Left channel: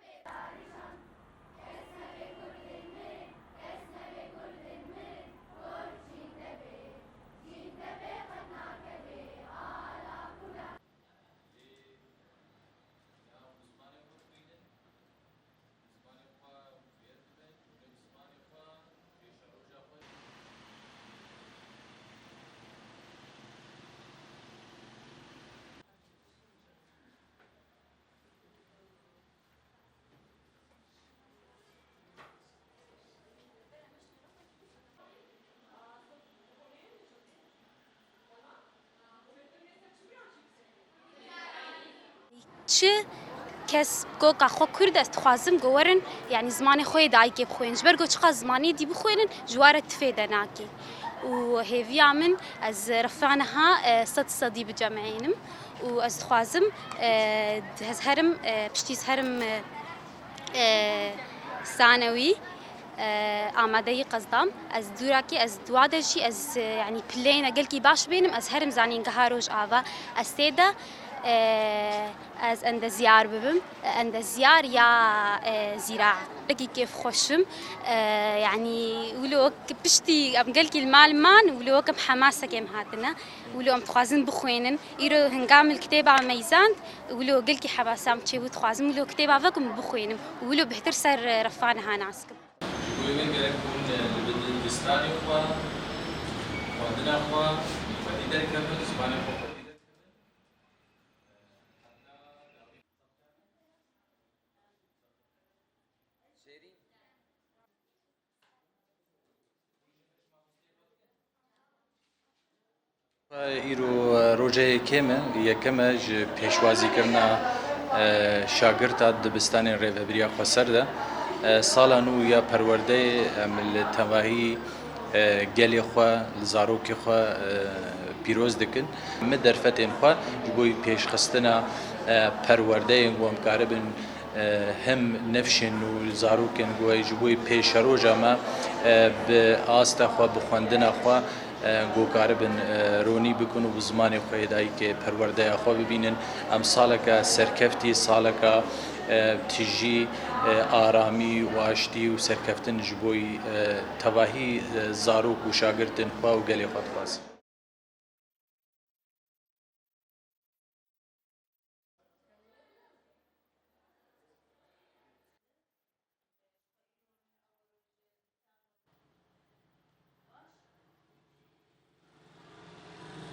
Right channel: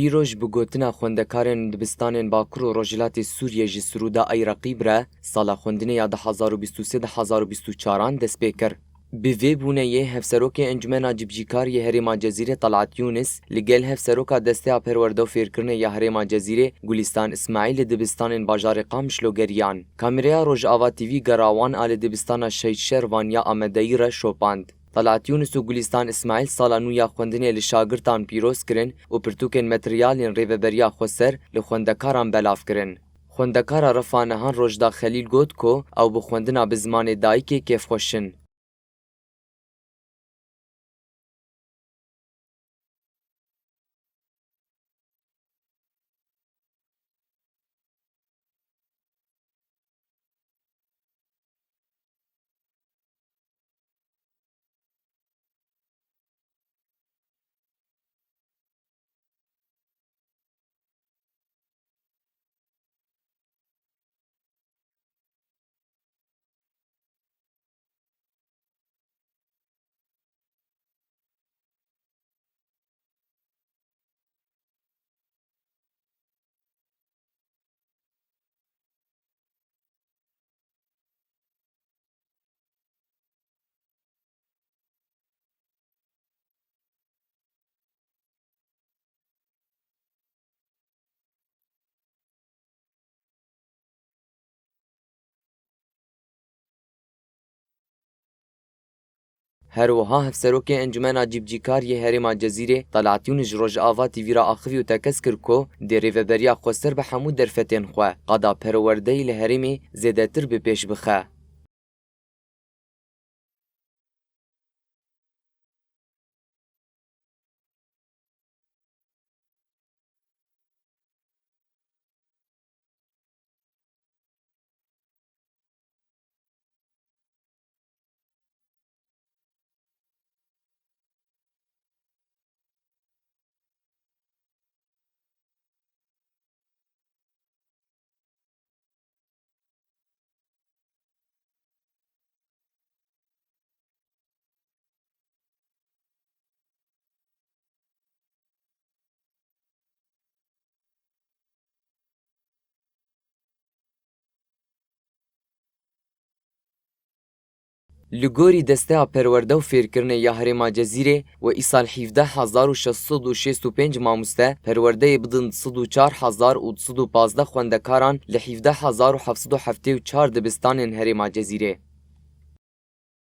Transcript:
ایروج بگوتنا خوندکارن دبستانên Bakur û Rojhilatê Sûriyê ji Siruda Iraqî bre sala xwendinê ya 2023-2024 dest pê kir. Bi vê bûneyê hevserokê Encumena Cibcîkariyê Herêma Cezîrê Talat Yûnis li gel hevseroka desteya perwerde û fêrkirinê ya Herêma Cezîrê Gulîstan İsmaîl li dibistanên bajarê Qamişlo geriyan. Kameraya Rojava TV gerawan a li dibistana Şeşer Vanya Amedeyî re şopand. Talat Yûnis û Gulîstan İsmaîl sala nû ya xwendinê li şagirtan pîroz kirin û pirtûkên materyalên rêveberiya xweser li xwendekaran belav kirin. Xwendekara Refanehan Rojda Xelîl got ku ew bi xwendina bi zimanê dayîkê kêfxweş in. چه کس گو قخوا کرد است خوازم گورن یعنی زمان خوی دای که بخوین جبر گو چقدر زمانی دی بخوینن جواره تفیده ناکی و هیوی من از رفعنها صدی بجمعینم و از خوازم از هرم پشتیز هرم ثانوی آماده قصدام از دوراکی از دوادشی از یعنی پلین اگل کی باش بینم از هرم زانین گهاروج آوا از تیدا از اند زیار ببم اند زیار یا زراعة لقي كيف خوشم يعني ولو بشتي ام قال كي المال مان ولو كم حماسه كم هاتنا ولو ام تخازن بخوينن يرو هنقام الكتاب على ميزان ولو قال كي حباسام تشي وتخازن ولو كتاب فكم بخوينم ولو بهتر سر رفانها ناسك وين قال يكون البستاني خوا ودنا خوا ودي كمل زبانه هروها hevserokê Encumena Cibcîkariyê Herêma Cezîrê Talat Yûnis ji Rojava TV re axivî û tekez kir ku dê rêveberiya xweser bi hemû derfetên xwe qada perwerdeyî li herêmê zêdetir bi pêş bixe. Îro rojeyê kêm e yekem e ji pêşwazîkirina şagirta dibistanên rêveberiya xweser de sala nû ya perwerdeyê em li tevahî gelê xwe li zarokê xwe پیروز دکن من درفتیم خوا جبوی پیشخستنا پرورده‌ین و امکاربن هم نفشن و زاروکن گوی جبوی پیشروجا ما به آستا خوا بخوندنا خوا گوکاربن رونی بکن و زمان خویدایی که پرورده خوا ببینن ام سالکا سرکفتی سالکا تیجی آرامی و آشتی و سرکفتن جبوی تواهی زاروک و شاگردن خوا و گلی خوا خواست. Li gorî desteya perwerde û fêrkirinê ya Herêma Cezîrê we îsal 17,665 mamoste perwerdeyê bidin 4,215 xwendekaran li 17,774 dibistanên Herêma Cezîrê.